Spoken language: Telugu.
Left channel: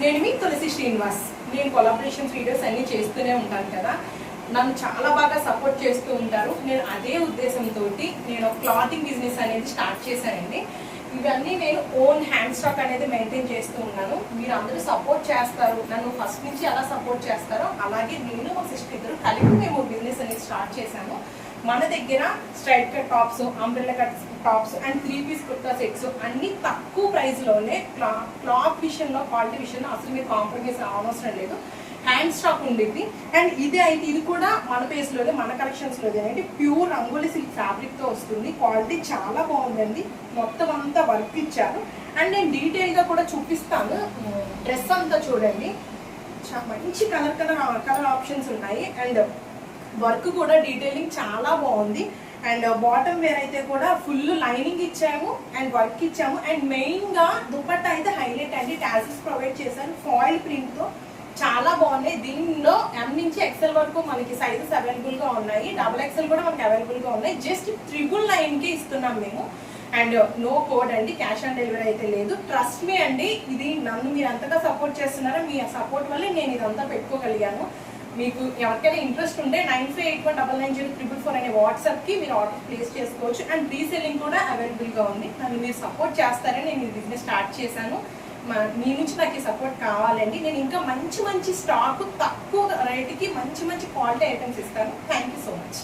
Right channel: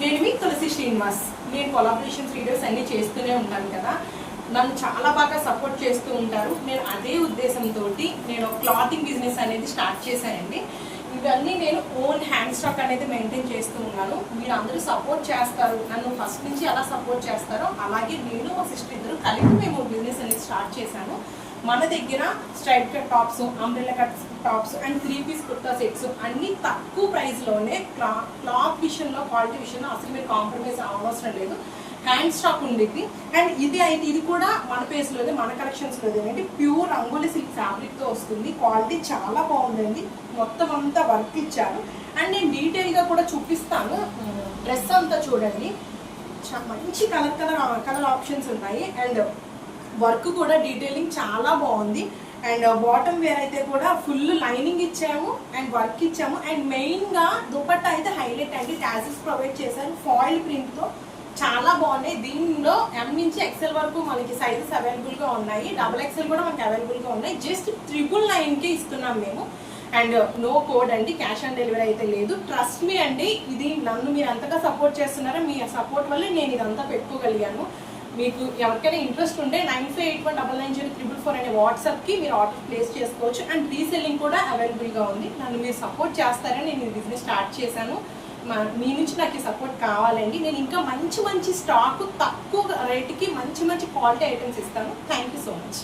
నేను మీ తులసి శ్రీనివాస్. నేను కొలాబరేషన్స్ వీడియోస్ అన్ని చేస్తూనే ఉంటాను కదా, నన్ను చాలా బాగా సపోర్ట్ చేస్తూ ఉంటారు. నేను అదే ఉద్దేశంతో నేను క్లాతింగ్ బిజినెస్ అనేది స్టార్ట్ చేశానండి. ఇవన్నీ నేను ఓన్ హ్యాండ్ స్టాక్ అనేది మెయింటైన్ చేస్తూ ఉన్నాను. మీరు అందరూ సపోర్ట్ చేస్తారు, నన్ను ఫస్ట్ నుంచి ఎలా సపోర్ట్ చేస్తారో అలాగే నేను మా సిస్టర్ ఇద్దరు కలిపి మేము బిజినెస్ అనేది స్టార్ట్ చేశాము. మన దగ్గర straight cut tops, umbrella cut tops and 3 piece kurta sets అన్ని తక్కువ ప్రైస్లోనే క్లాత్ విషయంలో, క్వాలిటీ విషయంలో అసలు మీరు కాంప్రమైజ్ అవసరం లేదు. హ్యాండ్ స్టాక్ ఉండేది. అండ్ ఇది కూడా మన పేస్లోదే, మన కలెక్షన్స్లోదే అండి. ప్యూర్ రంగోలీ సిల్క్ ఫ్యాబ్రిక్తో వస్తుంది. క్వాలిటీ చాలా బాగుందండి. మొత్తం అంతా వర్క్ ఇచ్చారు. అండ్ నేను డీటెయిల్గా కూడా చూపిస్తాను. డ్రెస్ అంతా చూడండి, మంచి కలర్ ఆప్షన్స్ ఉన్నాయి. అండ్ వర్క్ కూడా డీటెయిలింగ్ చాలా బాగుంది. అండ్ బాటమ్ వేర్ అయితే కూడా ఫుల్ లైనింగ్ ఇచ్చాము అండ్ వర్క్ ఇచ్చాము. అండ్ మెయిన్గా దుపట్టా అయితే హైలైట్ అండి. టాజిల్స్ ప్రొవైడ్ చేశారు ఫాయిల్ ప్రింట్లో, చాలా బాగున్నాయి. దీనిలో M నుంచి XL వరకు మనకి సైజెస్ అవైలబుల్గా ఉన్నాయి. XXL కూడా మనకి అవైలబుల్గా ఉన్నాయి. జస్ట్ 999కి ఇస్తున్నాం మేము. అండ్ నో కోడ్ అండి, క్యాష్ ఆన్ డెలివరీ అయితే లేదు. ట్రస్ట్ మీ అండి, ఇది నన్ను మీరు అంతగా సపోర్ట్ చేస్తున్నారా, మీ సపోర్ట్ వల్లే నేను ఇదంతా పెట్టుకోగలిగాను. మీకు ఎవరికైనా ఇంట్రెస్ట్ ఉంటే 9581990444 అనే వాట్సాప్కి మీరు ఆర్డర్ ప్లేస్ చేసుకోవచ్చు. అండ్ రీసెల్లింగ్ కూడా అవైలబుల్గా ఉంది. నన్ను మీరు సపోర్ట్ చేస్తారని నేను ఈ బిజినెస్ స్టార్ట్ చేశాను. మీ నుంచి నాకు ఈ సపోర్ట్ కావాలండి. నేను ఇంకా మంచి స్టాక్ తక్కువ రేటుకి మంచి క్వాలిటీ ఐటమ్స్ ఇస్తాను. Thank you so much.